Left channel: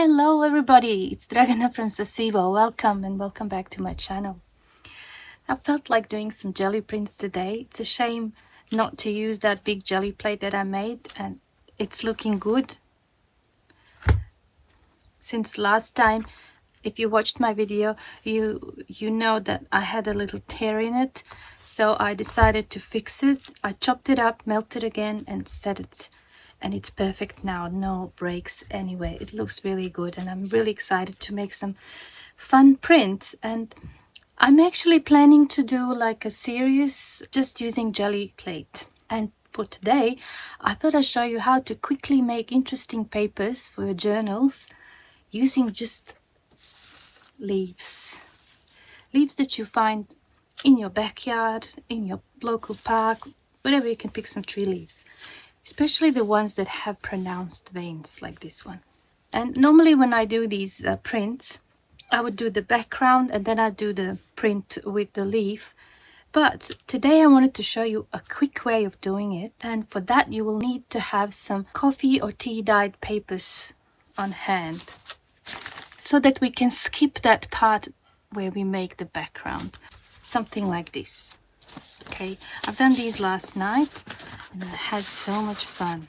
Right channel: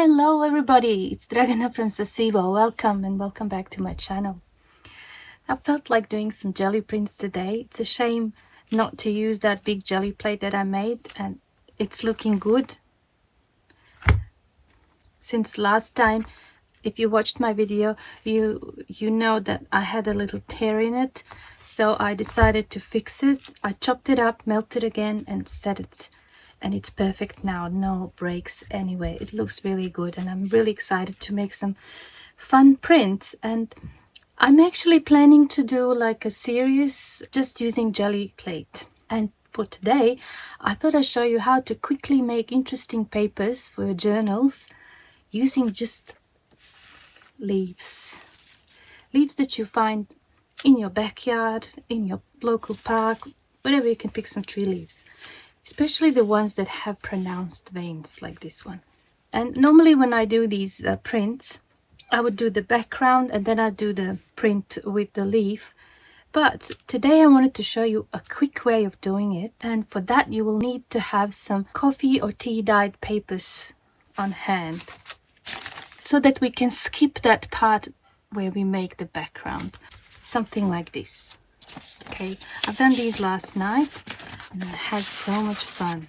Hello everybody, it's Dragana from Saacibo. Welcome and welcome back to my channel. I felt like doing some jelly prints today. It's a shame not to use that big jelly plate that I made, and it's looking good. Since last time, if you watched my video, you know that I had a little tear in it, so I decided to fix it. I chopped it up, melted again and set it, and it's perfect now. No breaks anyway. It looks really good and I'm really excited to make some fun prints. And I'm actually planning to do like a series just using jelly plate. And for today, I thought I'd show you how to quickly make interesting papers for your journals using just leaves that you find in your backyard, in your local park, wherever you can pick some tree leaves, especially the ones that have pronounced veins like this one. And normally when I do these prints, I would do the background and then I do the print with the leaf. But today I wanted to show you a quick way of doing it, and for that you will need to have some coffee or tea dyed papers on hand, so that we can skip that part where we make the background. Something like this. Okay, I've done these last night and I had so much fun.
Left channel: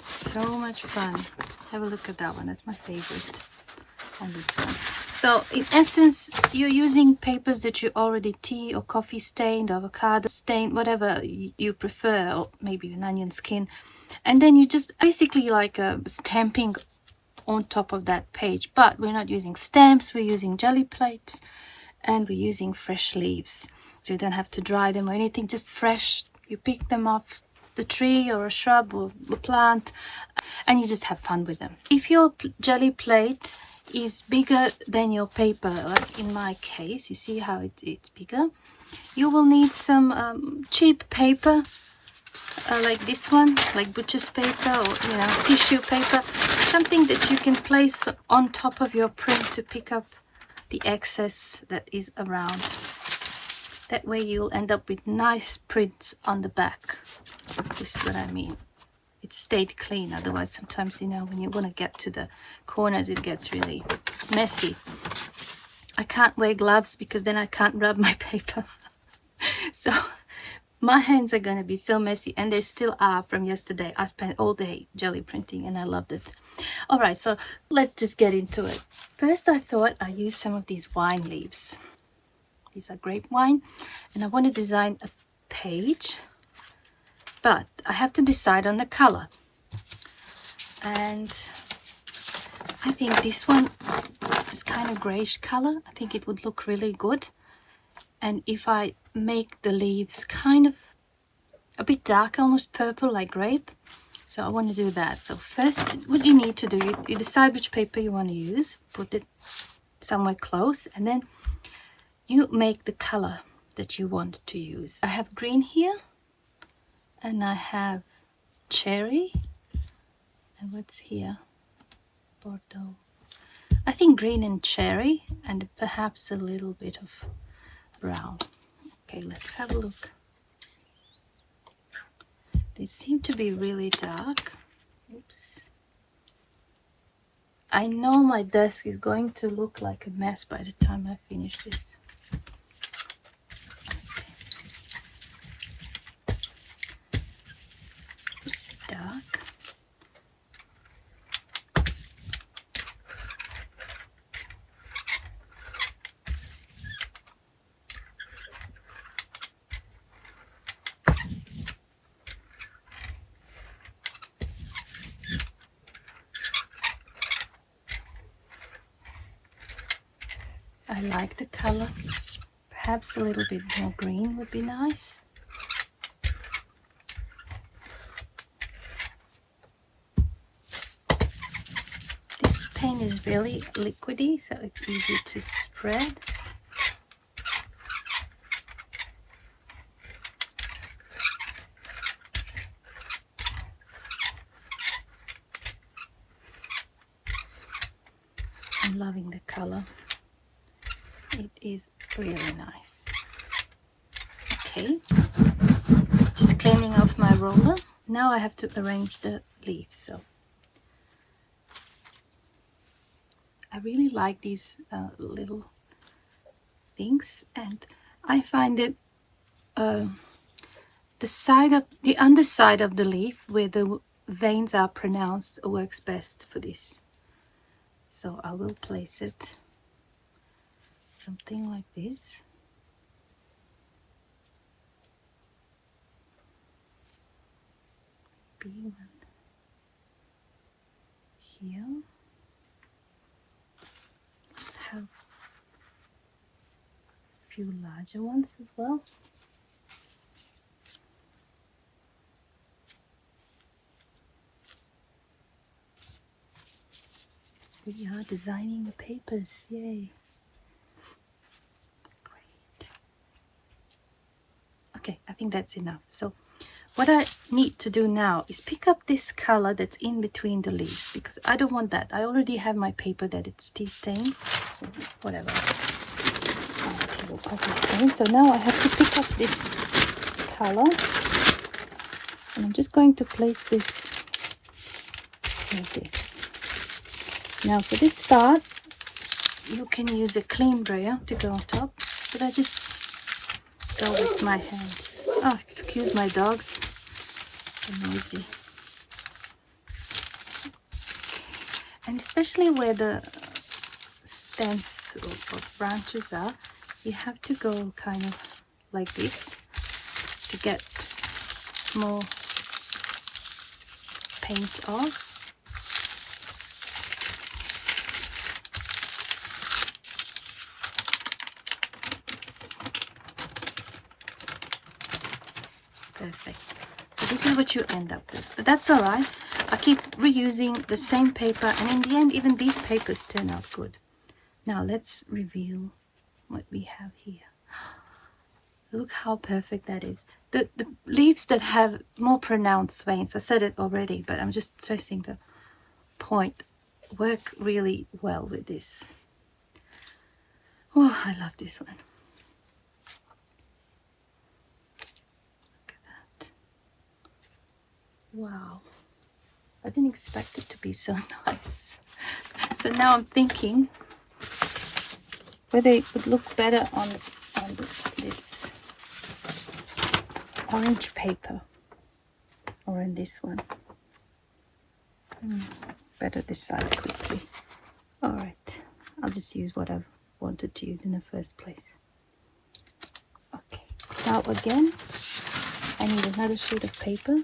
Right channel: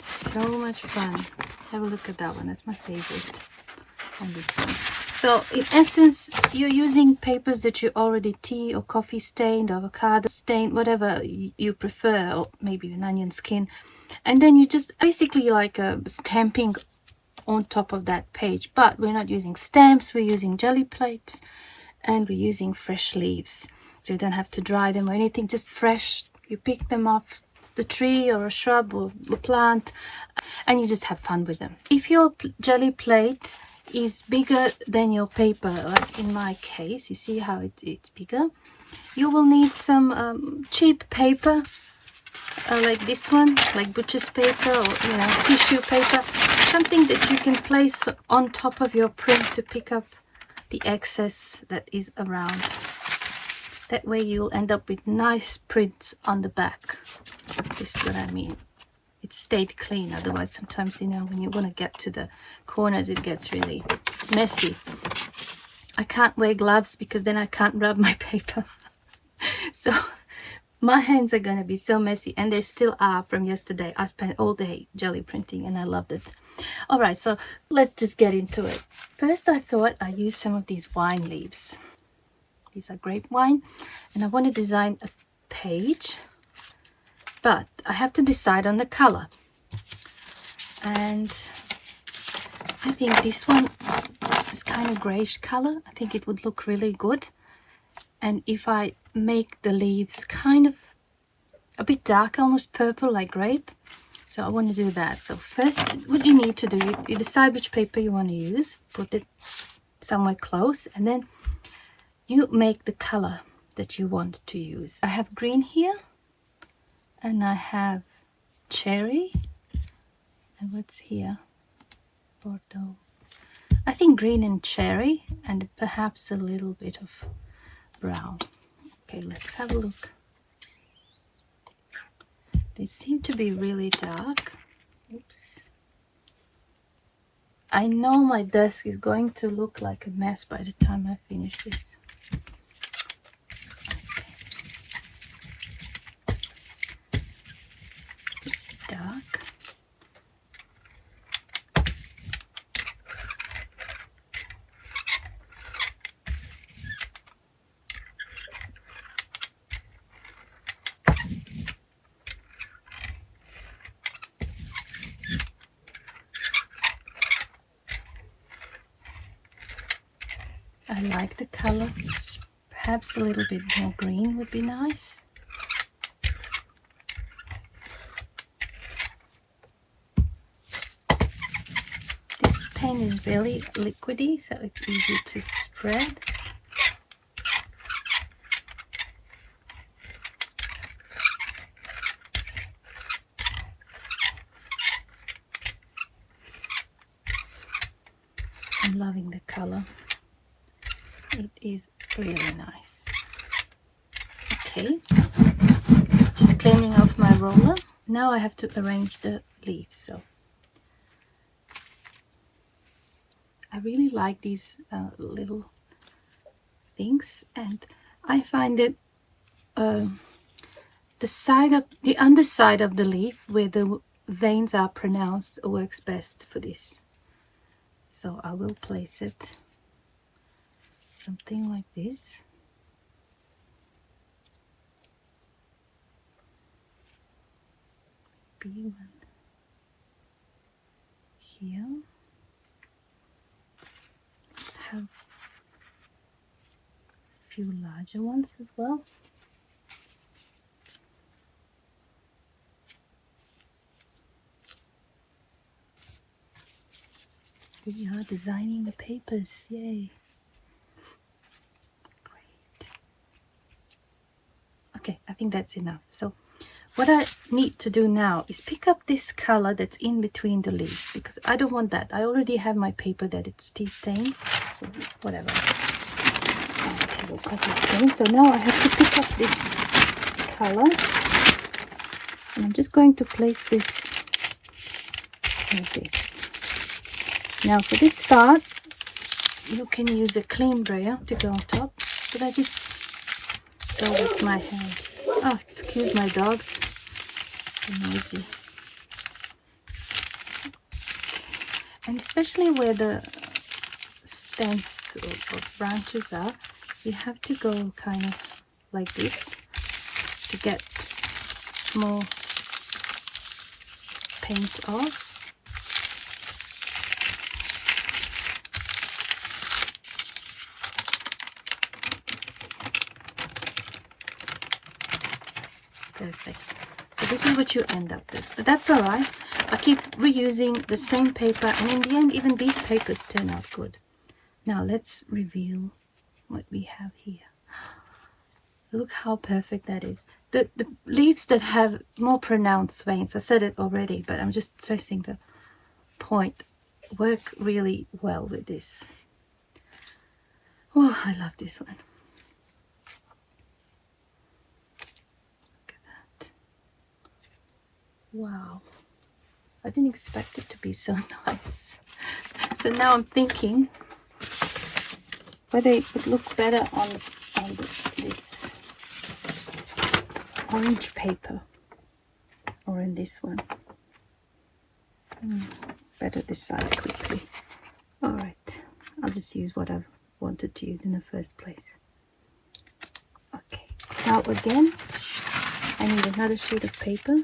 So much fun. Have a look at that one, that's my favorite. And this one. So in essence, you're using papers that you already tea or coffee stained, avocado stained, whatever you prefer, or maybe an onion skin. And then you just basically like stamping on top of that page. But we're not using stamps, we're using jelly plates and we're using fresh leaves. So you don't have to dry them or anything, just fresh. You pick them off the tree or a shrub or a plant and you just have fun with them. If your jelly plate is bigger than your paper, like in my case, you see how it's bigger, you will need some cheap paper, like this one, like butcher's paper or tissue paper, something that you can place on top of your print to pick up the excess that is around. That way you'll end up with nice prints on the back. This is what I mean. It stayed clean, otherwise sometimes when you want to get to the corners it gets really messy. I can't wear gloves because then I can't rub my paper. So my hands are going to be so messy, and they still are from yesterday. I spent all day jelly printing and I loved it. Alright, so let's just get into it. First I thought I'd use some of these wine leaves. These are grape wine, and I want to design a page, but I have to decide on the color. And I think this one is kind of grayish color. I think it would look really good. And if I make the leaves kind of a bit dark, almost purple like grape, so I want to do that. So first what you need to do, you decide which paper you want to use, put it somewhere close, and then you make the color that you want to use. I have green here, and I have cherry, and what's here? Bordeaux. I think green and cherry, and perhaps a little bit of brown. Okay, let's have a look. They seem to be really dark. Oops. I know my desk is going to look like a mess by the time I finish this. It's dark. I like the color. Perhaps a little bit more green would be nice. This pen is very liquidy, so it's easy to spread. I'm loving the color. It is really nice. Okay, just cleaning off my roller. Now I have to arrange the leaves. So I really like these little things, and I find it the underside of the leaf where the veins are pronounced works best for this. So I will place it something like this. Maybe one here. Let's have a few larger ones as well. We are designing the papers, yay. Great. Okay, I think that's enough. So what I need to do now is pick up this color that's in between the leaves, because I don't want that. I already have my paper that it's tea stained, whatever. So now I have to pick up this color, and I'm just going to place this like this. Now for this part, you can use a clean brayer to go on top, but I just go with my hands. Oh, excuse my dogs, they're noisy. And especially where the stems or branches are, you have to go kind of like this to get more paint off. Perfect. So this is what you end up with, but that's all right. I keep reusing the same paper, and in the end even these papers turn out good. Now let's review what we have here. Look how perfect that is. The leaves that have more pronounced veins, I said it already, but I'm just stressing the point, work really well with this. Oh, I love this one. Wow, I didn't expect it to be so nice. So now I'm thinking whether it would look better on this orange paper or in this one. Better decide quickly. All right, I'll just use what I've wanted to use in the first place. Okay, now again, I need another sheet of paper.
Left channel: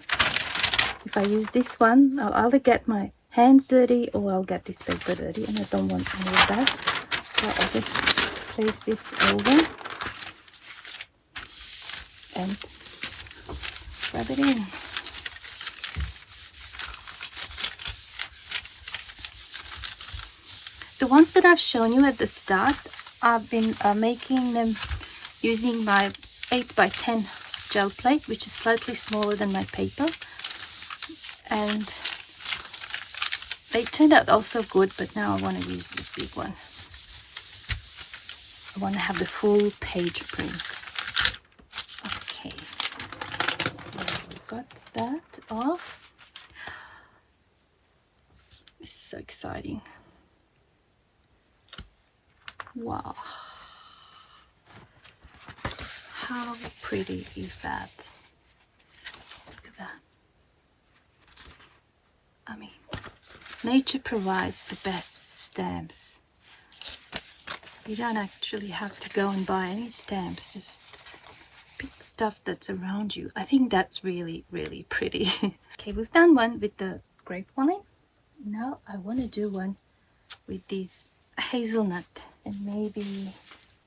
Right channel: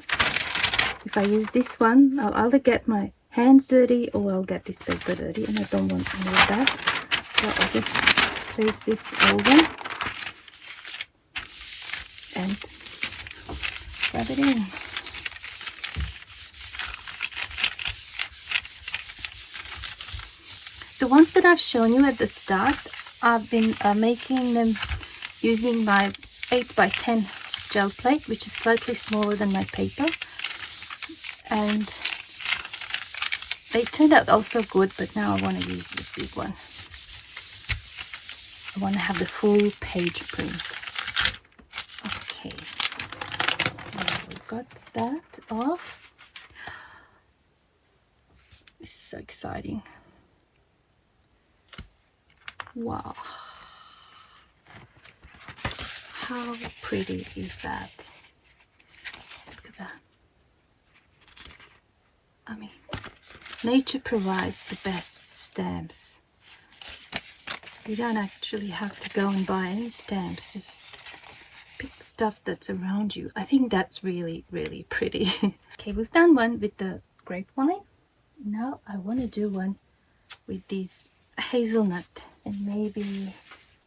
If I use this one, I'll either get my hands dirty or I'll get this paper dirty, and I don't want any of that. So I'll just place this over and rub it in. The ones that I've shown you at the start, I've been making them using my 8x10 gel plate, which is slightly smaller than my paper. And they turned out also good, but now I want to use this big one. I want to have the full page print. Okay, now we got that off. This is so exciting. Wow, how pretty is that? Look at that. I mean, nature provides the best stamps. You don't actually have to go and buy any stamps, just pick stuff that's around you. I think that's really, really pretty. Okay, we've done one with the grapevine. Now I want to do one with these hazelnut and maybe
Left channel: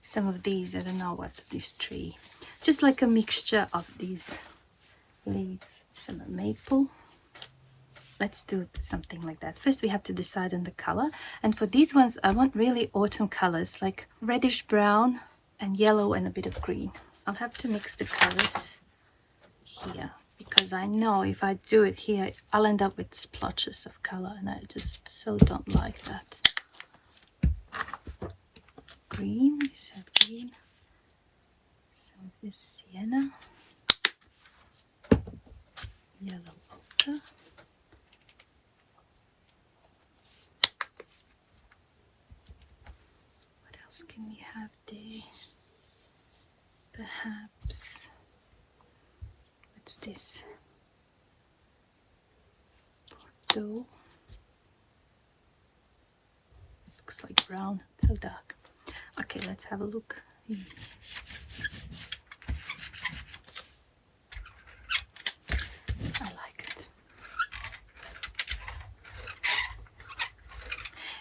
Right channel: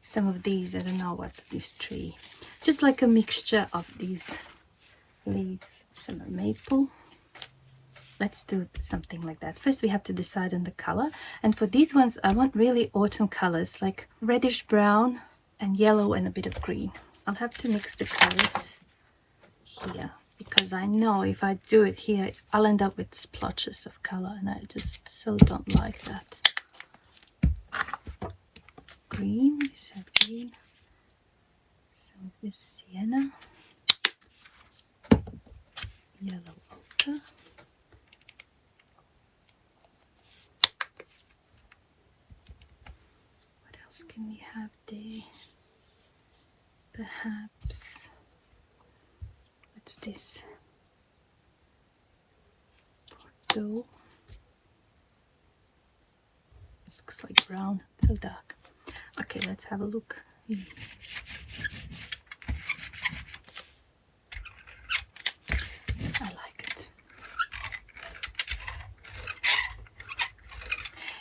some of these. I don't know what's this tree. Just like a mixture of these leaves. Some maple. Let's do something like that. First we have to decide on the color, and for these ones I want really autumn colors, like reddish brown and yellow and a bit of green. I'll have to mix the colors here, because I know if I do it here I'll end up with splotches of color, and I just so don't like that. Green, is that green? Some of this sienna, yellow ochre. else can we have there? Perhaps, what's this? Bordeaux. It looks like brown, so dark. Okay, let's have a look. I like it.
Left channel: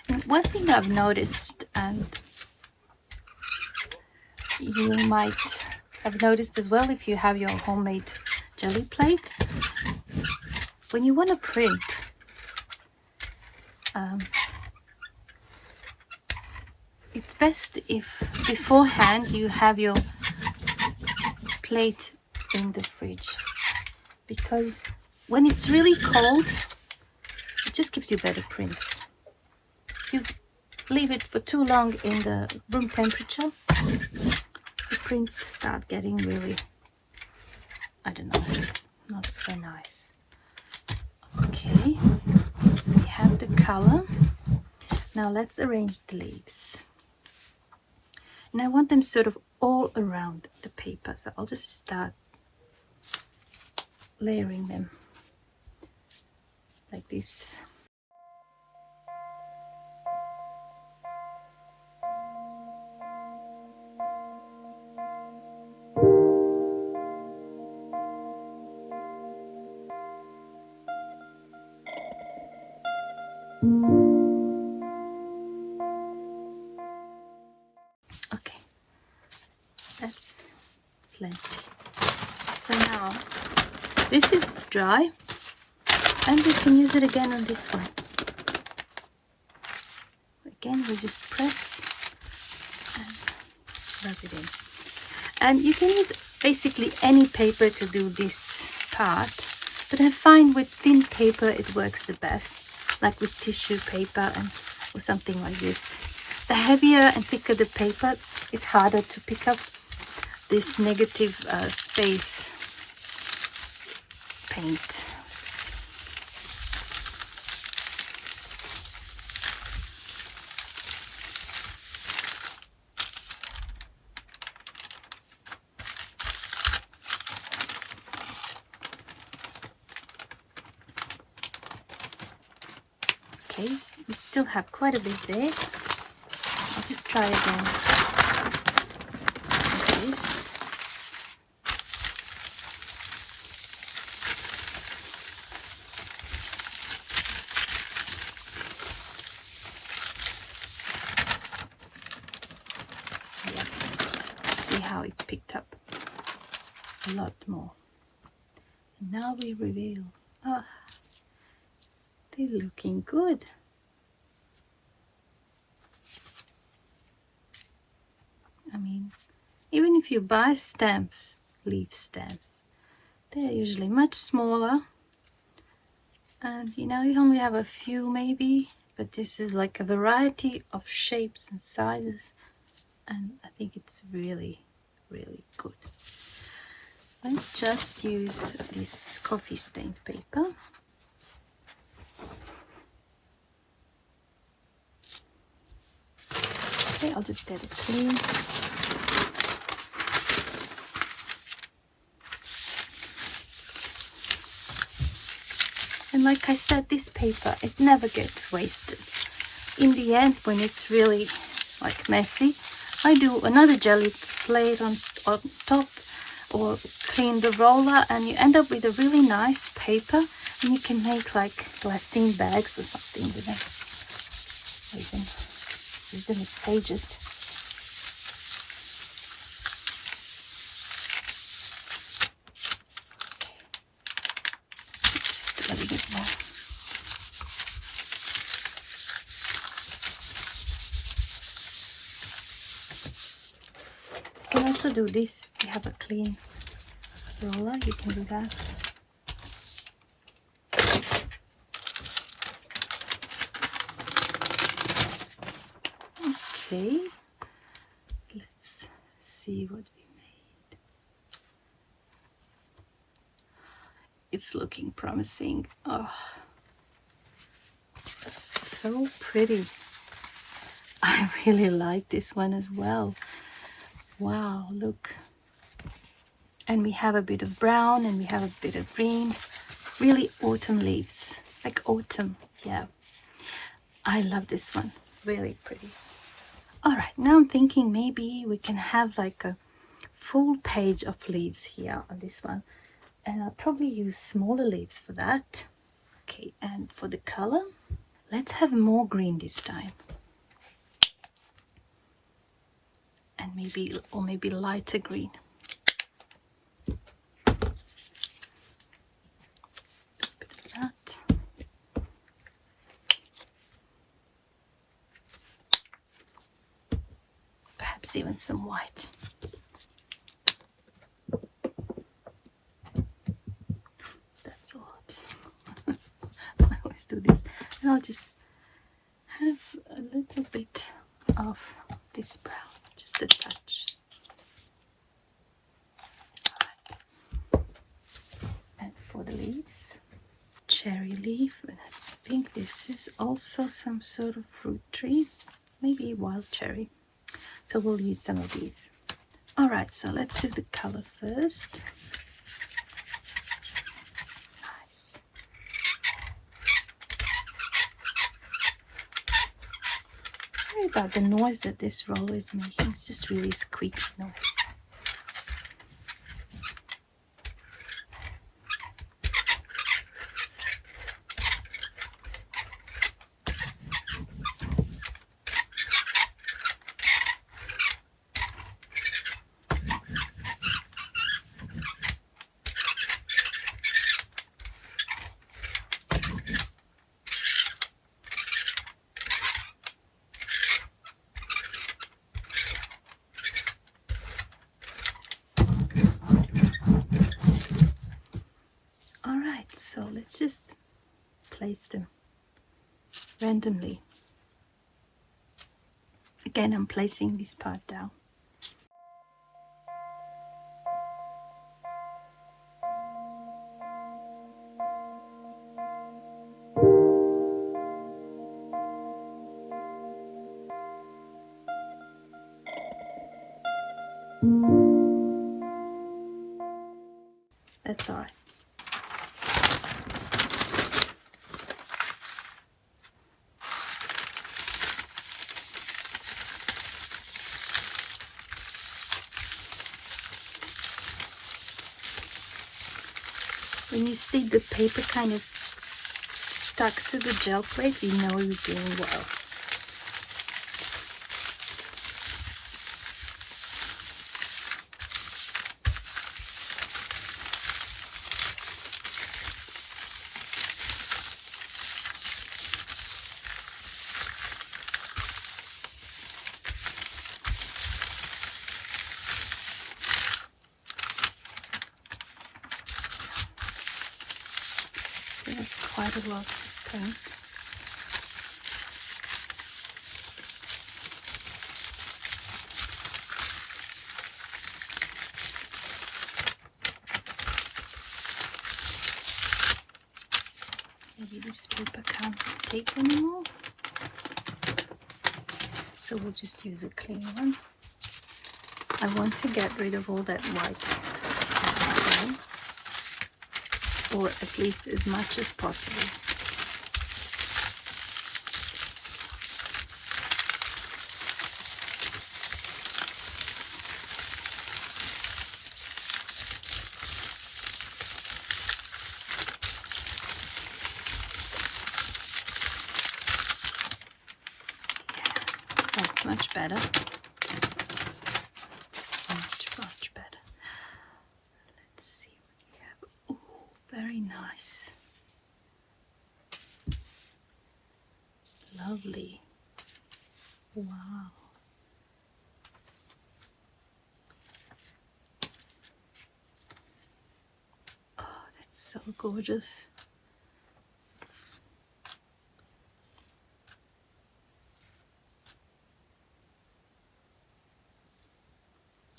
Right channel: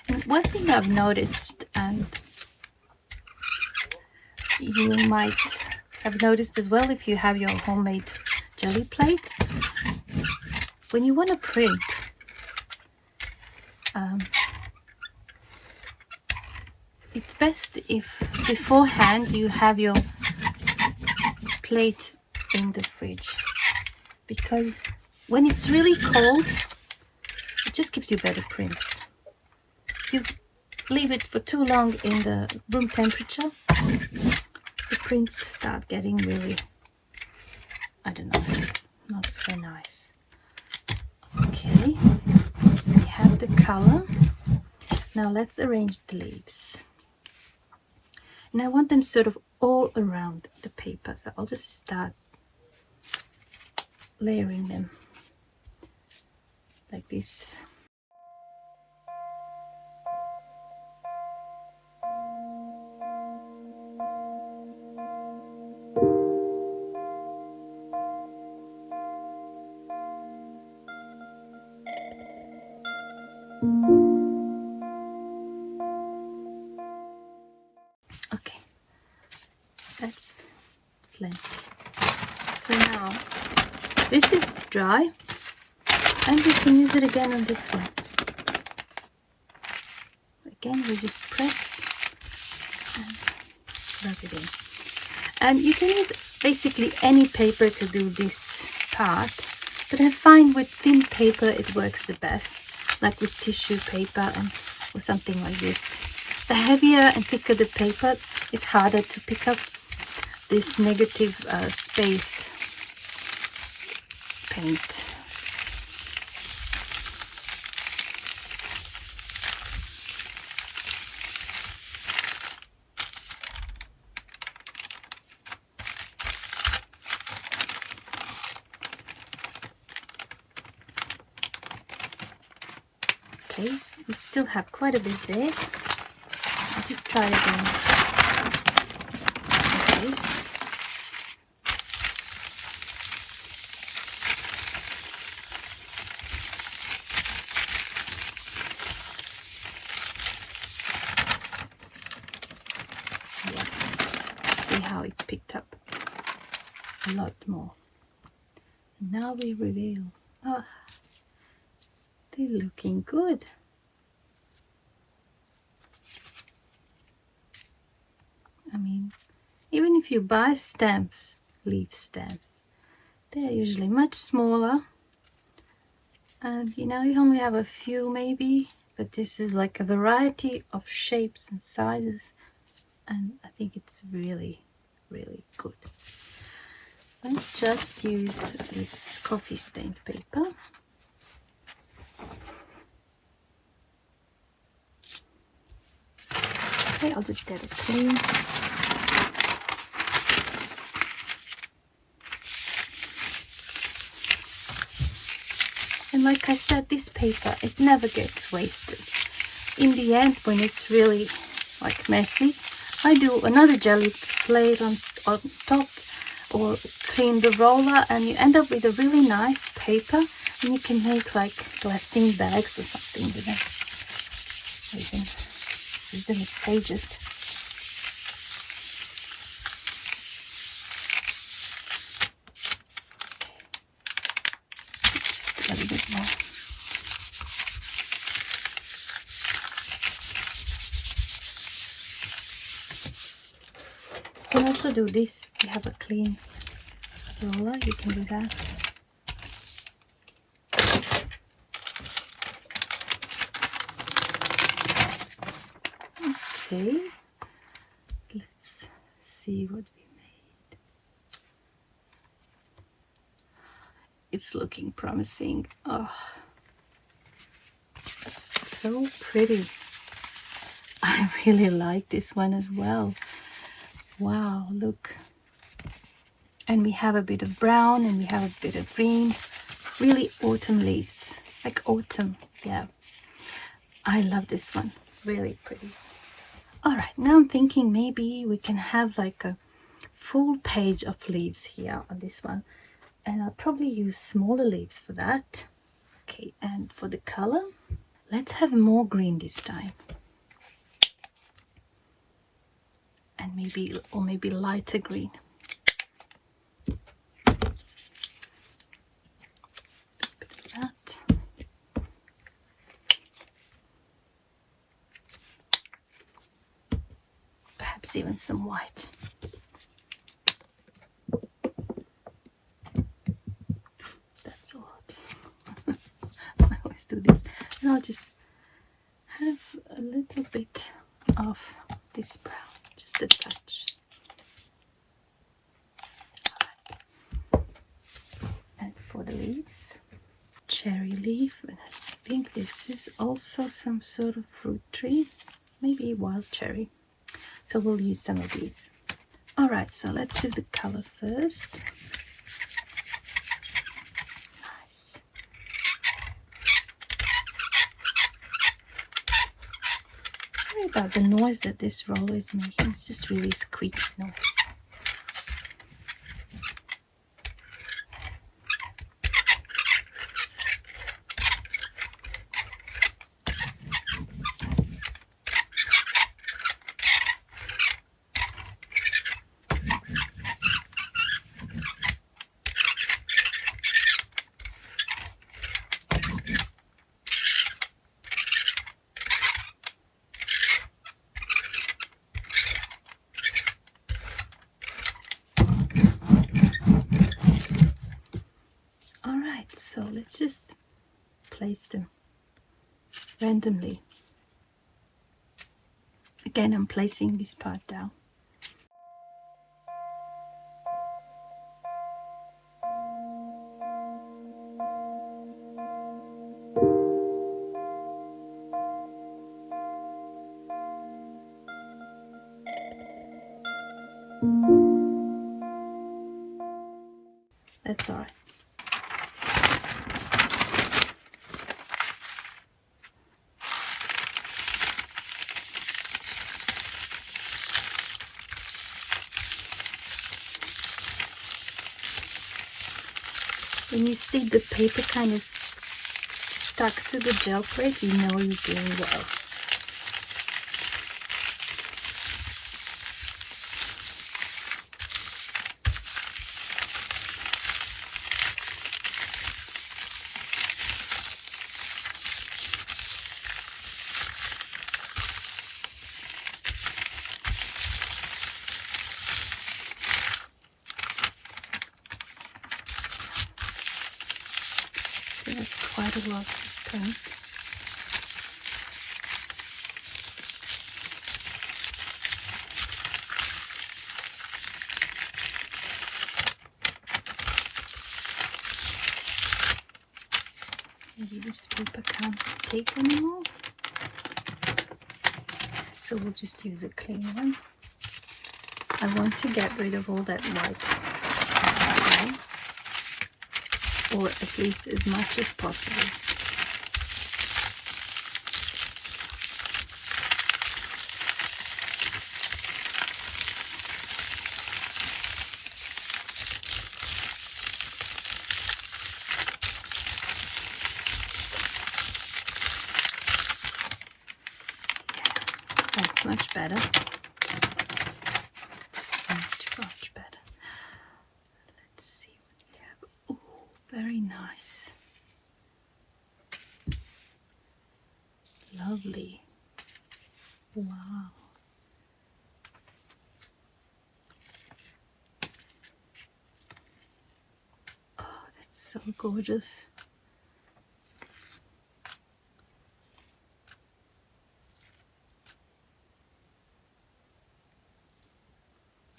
And one thing I've noticed, and you might have noticed as well if you have your homemade jelly plate, when you want to print, it's best if beforehand you have your plate in the fridge, because when it's really cold, it just gives you better prints. If you leave it for too long in the room temperature, the prints start getting really, I don't know, not so nice. Okay, we have the color. Now let's arrange the leaves. And I want them sort of all around the paper, so I'll just start layering them like this. Okay, that's plenty. So now this is dry, and we can use it again on this one. Again, we just press and rub it in. And you can use basically any paper to do this part, but I find with thin paper it works the best, like with tissue paper and or something like this. The heavier and thicker the paper, it's harder to pick up this negative space paint. Okay, we still have quite a bit there. I'll just try again like this. Yeah. See how it picked up a lot more. Now we reveal. Oh, they're looking good. I mean, even if you buy stamps, leaf stamps, they're usually much smaller, and you know, you only have a few maybe, but this is like a variety of shapes and sizes, and I think it's really, really good. Let's just use this coffee stained paper. Okay, I'll just get it clean. And like I said, this paper, it never gets wasted. In the end, when it's really like messy, I do another jelly plate on top, or clean the roller, and you end up with a really nice paper, and you can make like glassine bags or something with them. Or you can use them as pages. Just a little bit more. You can also do this. If you have a clean roller, you can do that. Okay, let's see what we made. It's looking promising. Oh, so pretty. I really like this one as well. Wow, look. And we have a bit of brown and we have a bit of green. Really autumn leaves, like autumn. Yeah, I love this one. Really pretty. All right, now I'm thinking maybe we can have like a full page of leaves here on this one. And I'll probably use smaller leaves for that. Okay, and for the color, let's have more green this time. And maybe lighter green. That. Perhaps even some white. That's a lot. I always do this. And I'll just have a little bit of this brown, just a touch. All right. And for the leaves, cherry leaf, and I think this is also some sort of fruit tree, maybe wild cherry. So we'll use some of these. All right, so let's do the color first. Nice. Sorry about the noise that this roller is making. It's just really squeaky noise. So let's just place them randomly. Again, I'm placing this part down. That's all right. When you see the paper kind of stuck to the gel plate, you know you're doing well. Quite a lot of paint. Maybe this paper can't take anymore, so we'll just use a clean one. I want to get rid of all that white, or at least as much as possible. That's much better. It's much better. Let's see what we have. Oh, very nice. Lovely. Wow. Oh, that's so gorgeous.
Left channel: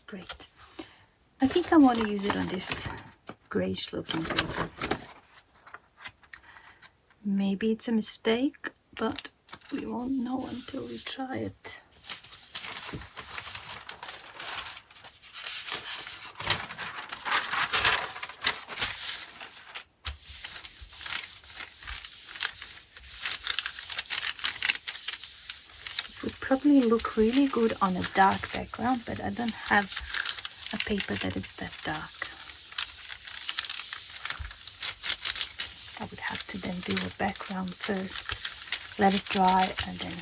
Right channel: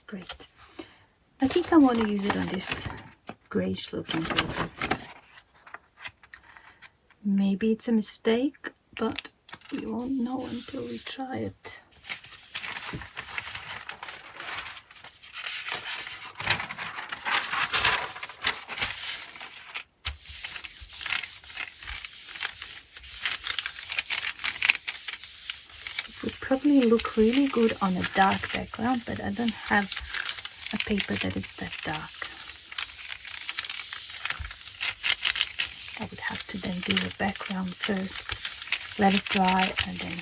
Great. I think I want to use it on this grayish looking paper. Maybe it's a mistake, but we won't know until we try it. would probably look really good on a dark background, but I don't have a paper that is that dark. I would have to then do a background first, let it dry, and then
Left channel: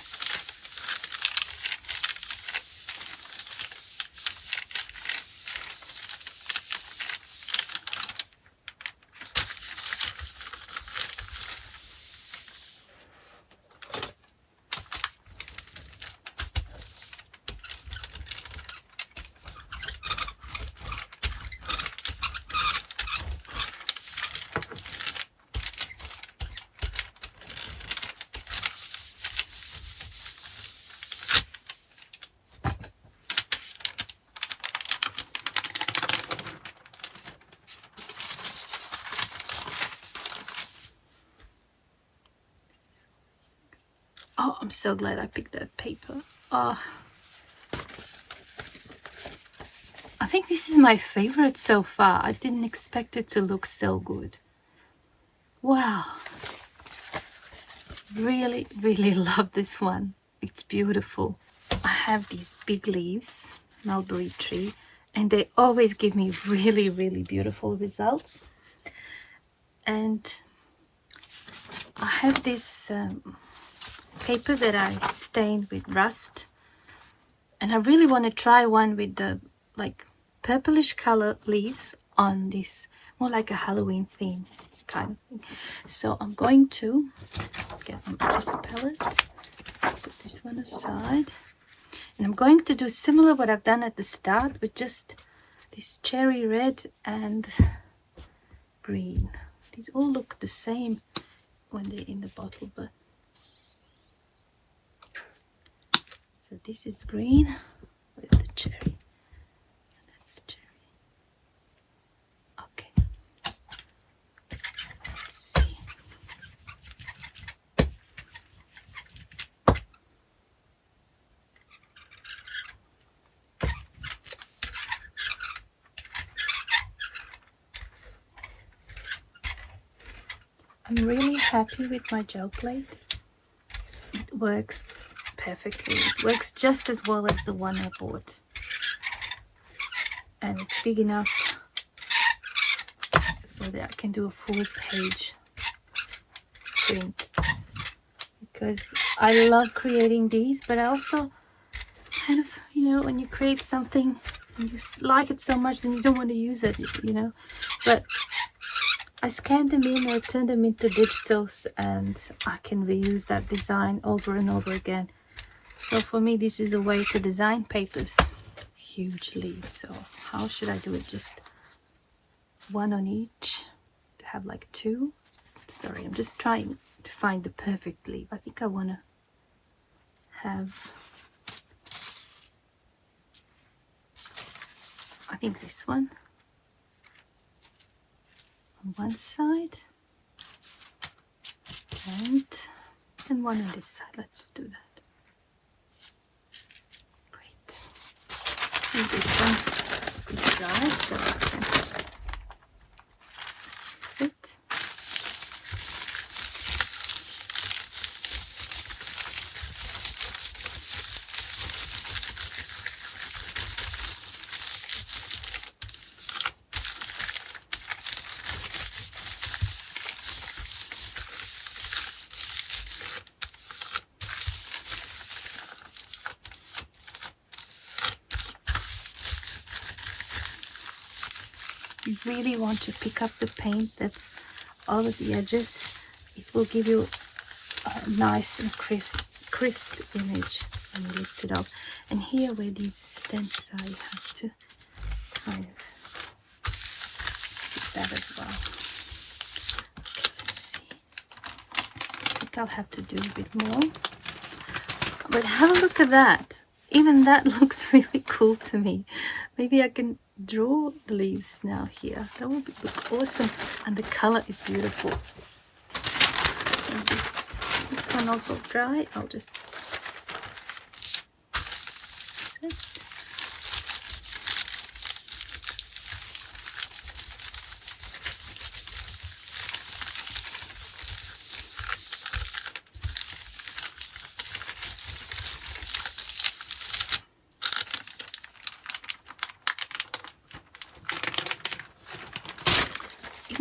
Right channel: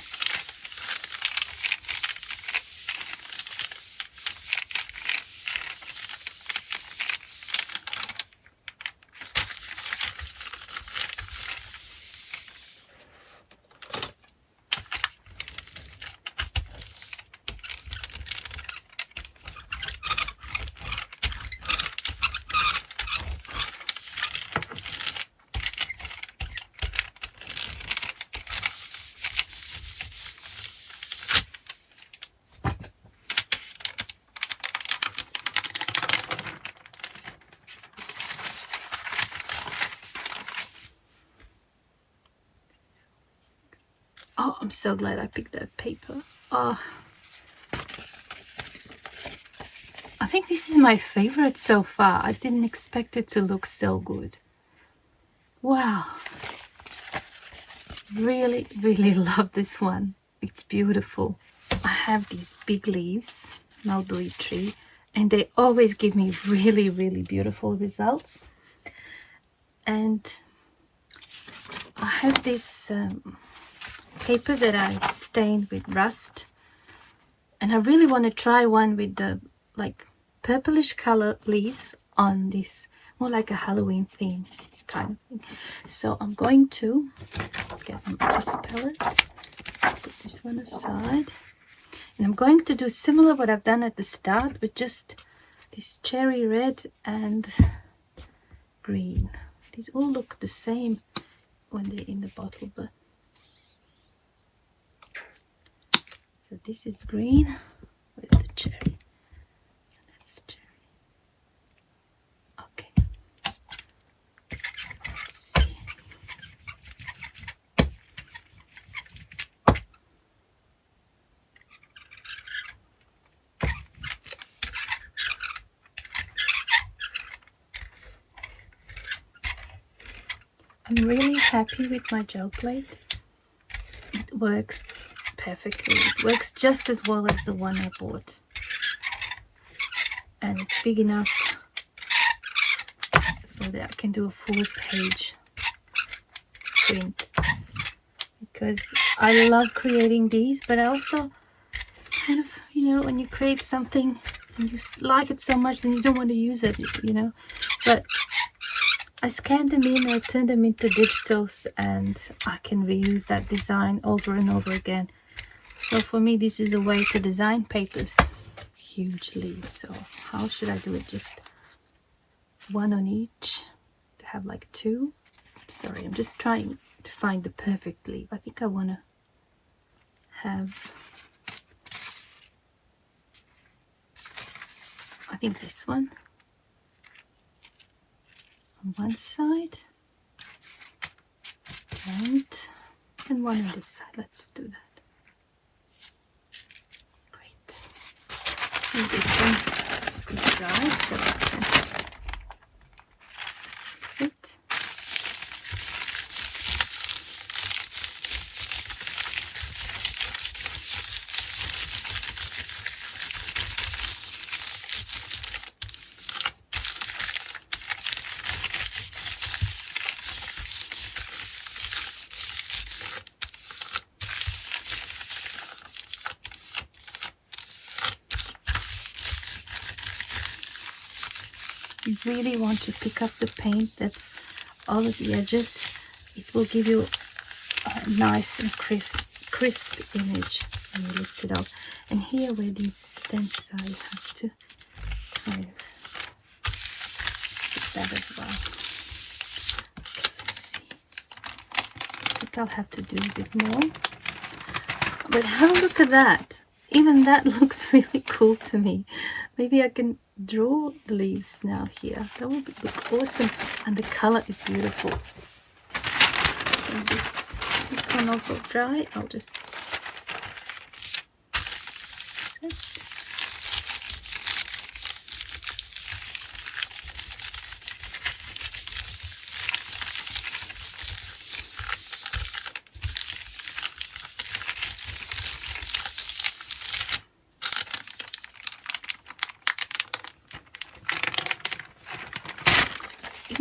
oh, I'm so glad I picked that paper. Oh, I think this is my favorite so far. I didn't expect it to look so good. Wow. Really, really love this one. It's beautiful. I have these big leaves, mulberry tree, and they always give me really, really beautiful results. And I have this paper that I stained with rust, and I really want to try one with the like purplish color leaves on this, more like a Halloween theme kind of thing. So I'm going to get an ARTSY palette, put this one aside, and I'm going to do similar what I've done at the start with just this cherry red and green. These all look the same when they're in the bottle, but so this is green. Where's the cherry? That's cherry. Okay. Let's see. I'm really happy with my gel plate. It works perfectly. It works just as well as the one I bought. And it's big enough so that I can do a full page print. Because I love creating these, but I also kind of, you know, when you create something and you like it so much, then you don't want to use it, you know. But I scan them in or turn them into digitals, and I can reuse that design over and over again. So for me, this is a way to design papers. Huge leaves. So how should I do it? Just one on each to have like two. Sorry, I'm just trying to find the perfect leaf. I think I want to have, I think this one on one side and one on this side. Let's do that. Great. And this one is dry, so I can fix it. You really want to pick up the paint that's all of the edges. It will give you a nice and crisp image when you lift it up. And here where these stems are, you have to kind of do that as well. Let's see. I think I'll have to do a bit more. But have a look at that. Even that looks really cool to me. Maybe I can draw the leaves now here. That would look awesome, and the color is beautiful. And this one also dry. I'll just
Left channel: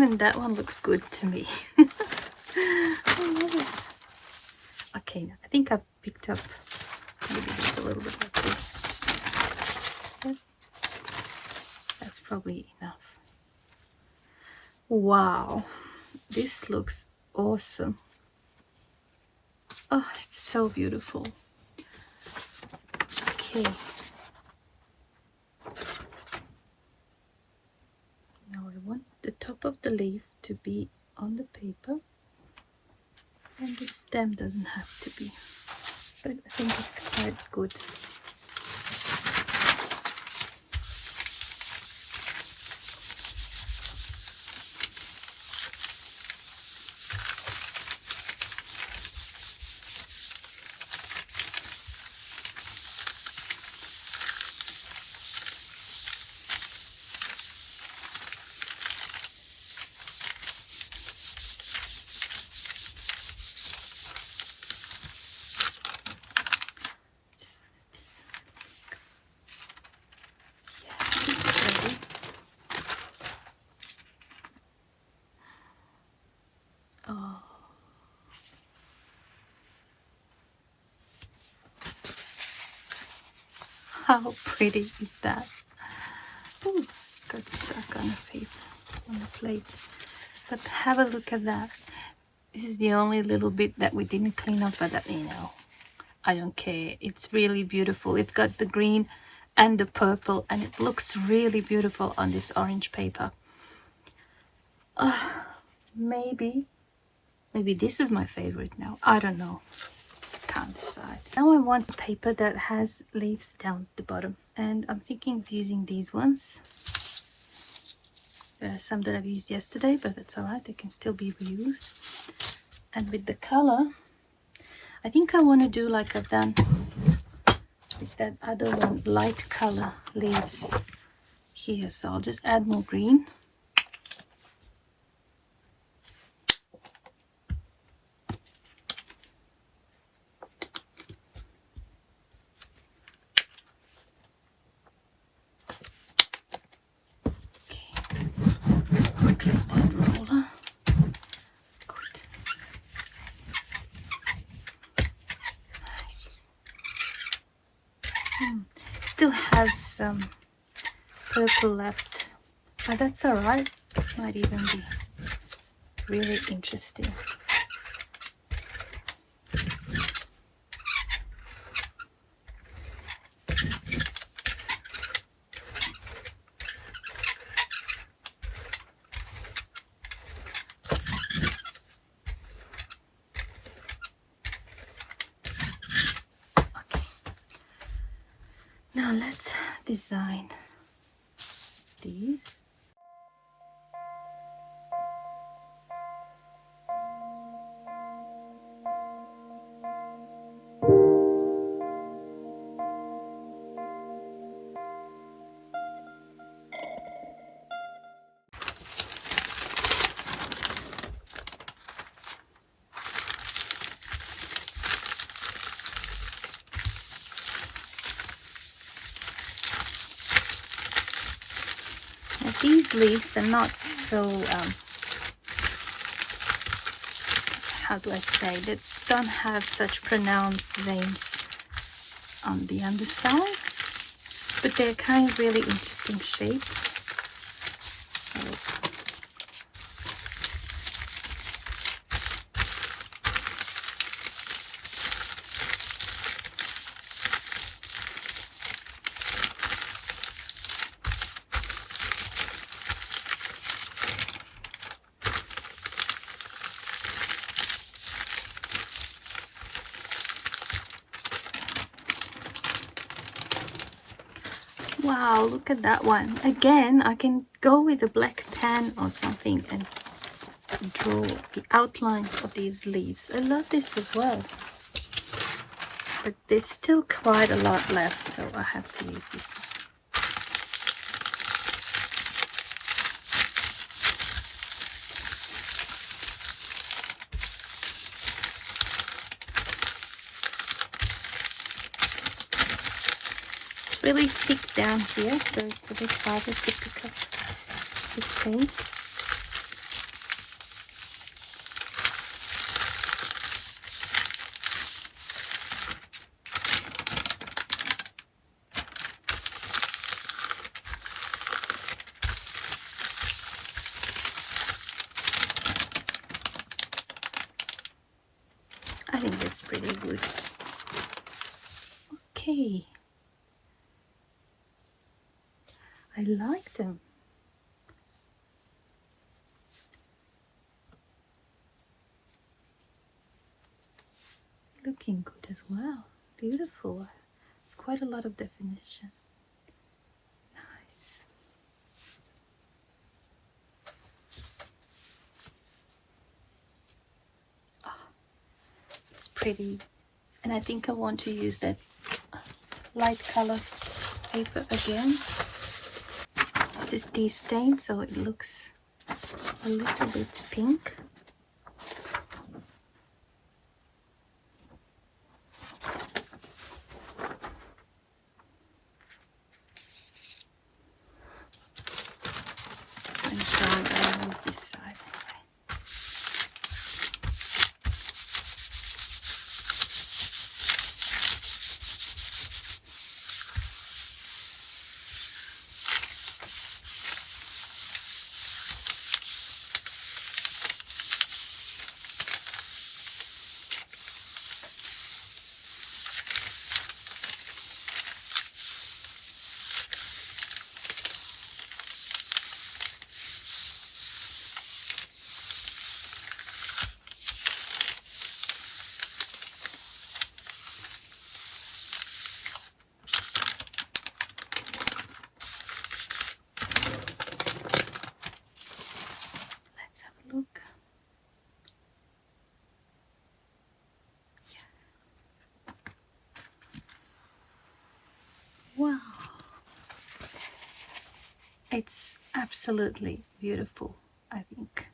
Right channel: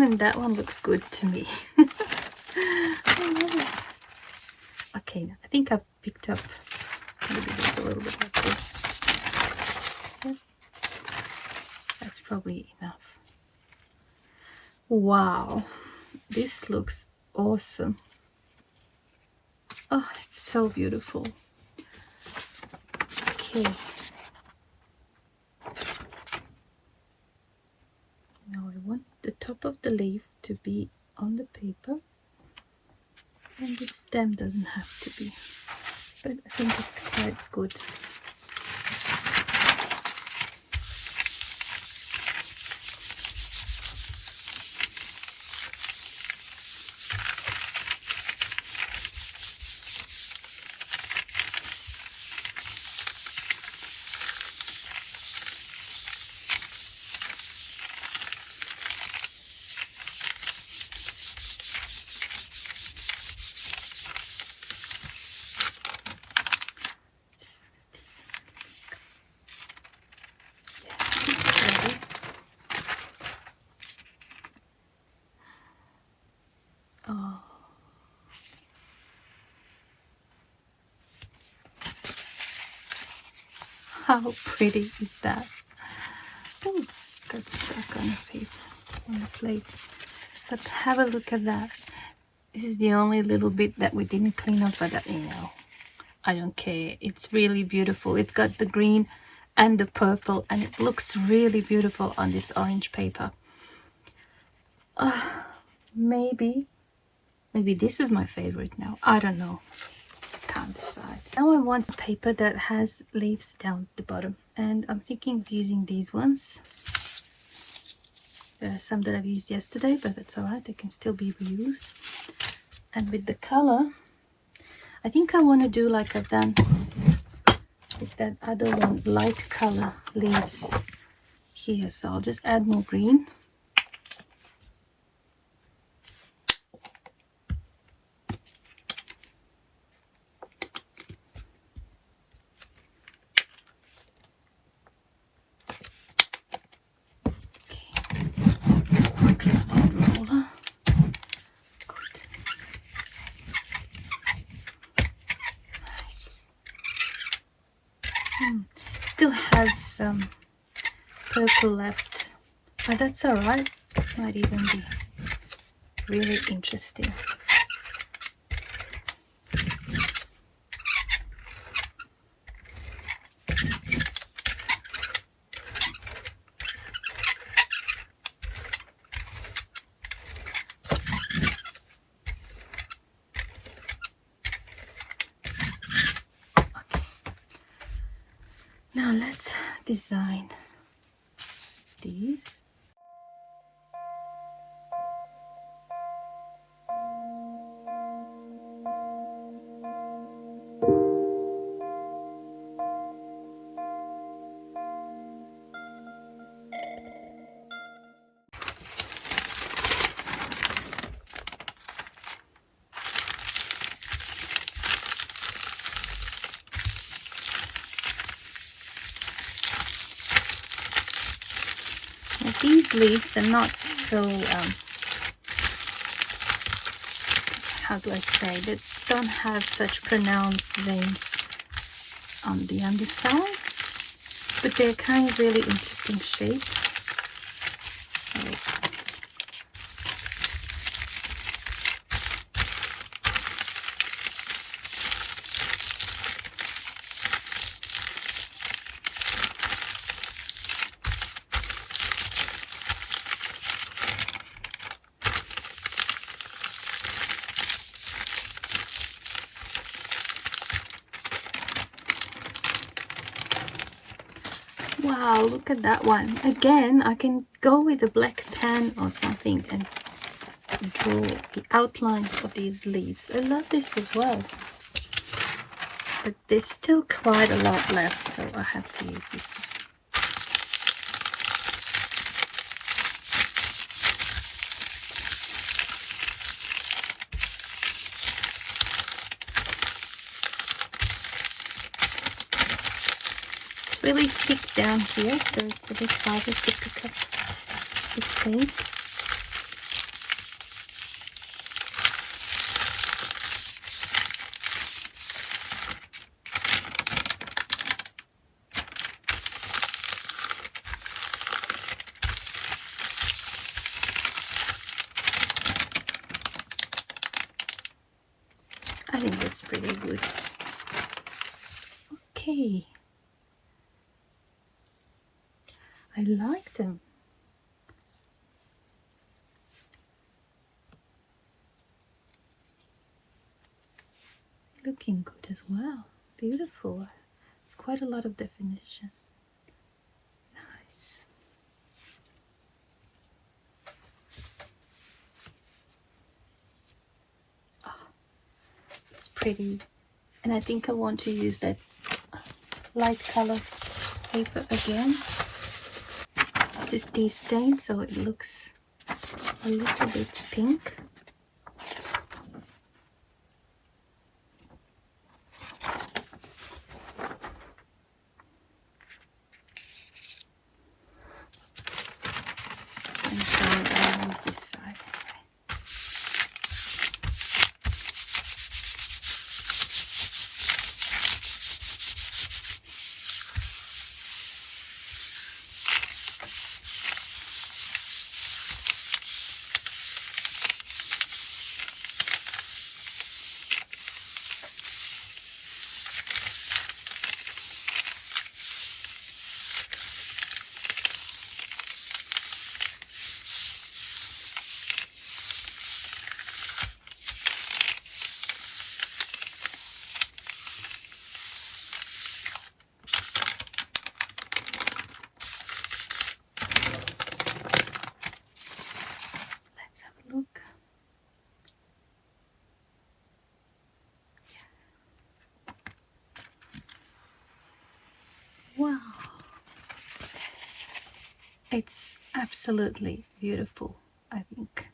Even that one looks good to me. I love it. Okay, I think I've picked up maybe just a little bit like this. That's probably enough. Wow, this looks awesome. Oh, it's so beautiful. Okay. Now I want the top of the leaf to be on the paper, and the stem doesn't have to be, but I think it's quite good. Oh, how pretty is that? Oh, got stuck on the paper, on the plate. But have a look at that. This is the only little bit that we didn't clean up, but that, you know, I don't care. It's really beautiful. It's got the green and the purple, and it looks really beautiful on this orange paper. Maybe this is my favorite now. I don't know. Can't decide. Now I want paper that has leaves down the bottom, and I'm thinking of using these ones. There are some that I've used yesterday, but that's all right. They can still be reused. And with the color, I think I want to do like I've done with that other one, light color leaves here. So I'll just add more green. Still has some purple left, but that's all right. Might even be really interesting. Now let's design these. These leaves are not so, how do I say, they don't have such pronounced veins on the underside, but they're kind of really interesting shape. So, wow, look at that one. Again, I can go with a black pen or something and draw the outlines of these leaves. I love this as well. But there's still quite a lot left, so I have to use this one. Really thick down here, so it's a bit harder to pick up the paint. wood. Okay. I like them. Looking good as well. Beautiful. It's quite a lot of definition. Nice. Oh, it's pretty. And I think I want to use that light color paper again. This is tea stain, so it looks a little bit pink. So I'll use this side. Wow, it's absolutely beautiful. I think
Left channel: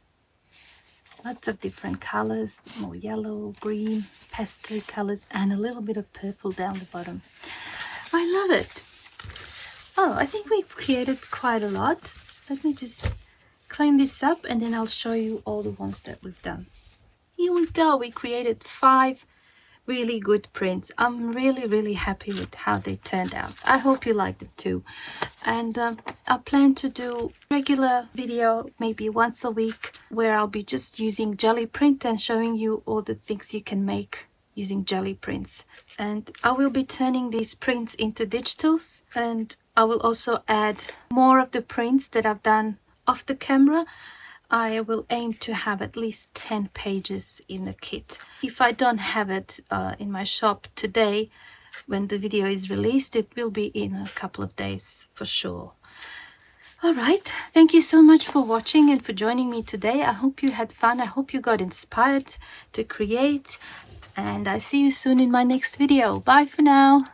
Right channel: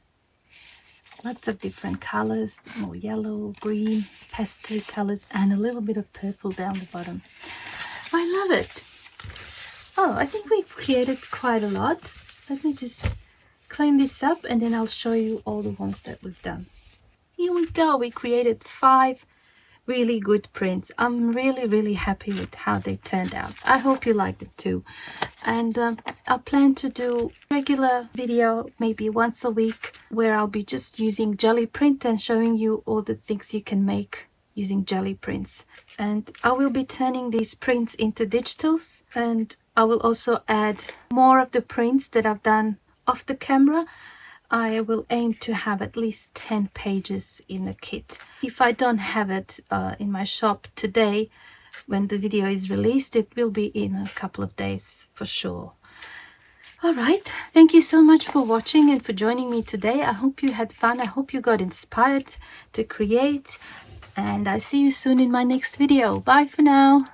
lots of different colors, more yellow, green, pastel colors, and a little bit of purple down the bottom. I love it. Oh, I think we created quite a lot. Let me just clean this up and then I'll show you all the ones that we've done. Here we go. We created 5 really good prints. I'm really happy with how they turned out. I hope you liked it too. And I plan to do regular video maybe once a week where I'll be just using jelly print and showing you all the things you can make using jelly prints. And I will be turning these prints into digitals, and I will also add more of the prints that I've done off the camera. I will aim to have at least 10 pages in the kit. If I don't have it in my shop today, when the video is released, it will be in a couple of days for sure. All right, thank you so much for watching and for joining me today. I hope you had fun. I hope you got inspired to create, and I'll see you soon in my next video. Bye for now.